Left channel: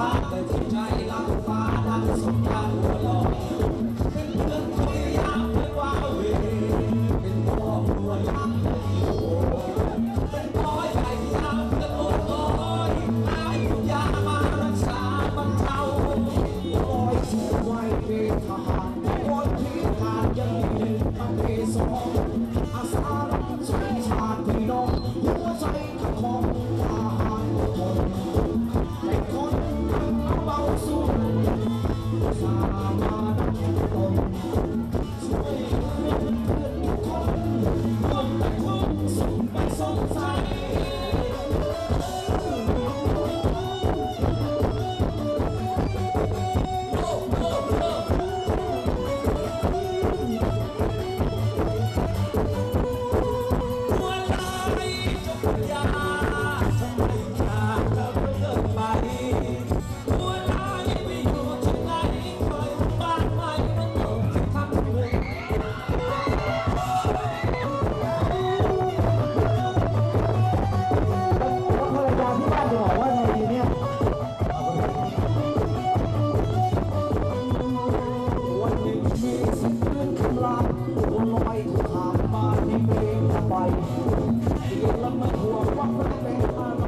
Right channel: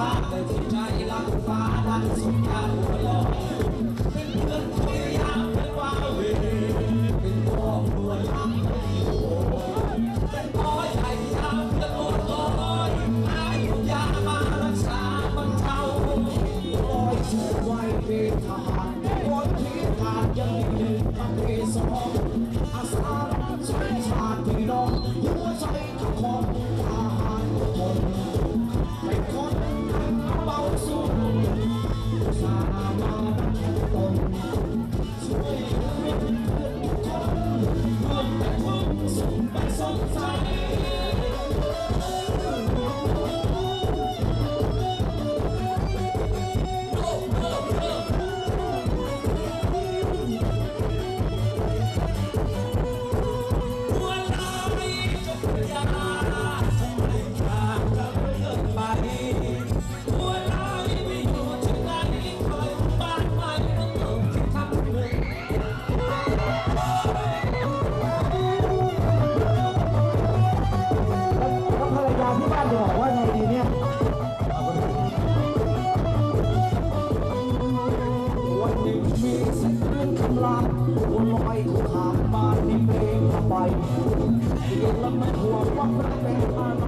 ฟ้าแต่ที่ใจรักฟ้าดันสงกรารหัวลอยเป็นเพื่อนคุยยามเป็นว่าเวเป็นพ่อครัวยามเป็นอยู่เป็นพ่อใหญ่ยามเพื่อนโอดลอยอายยามารักษาบรรเทาลอยสู่ไว้เป็นทหารคนที่ขาดยังมีหนึ่งประเภทสองอาสารับใช้ชาติพี่น้องหัวใจของทหาร คำลามวนลอยขามมาที่เมฆไปเห็นละมันหัวว่ารักเป็น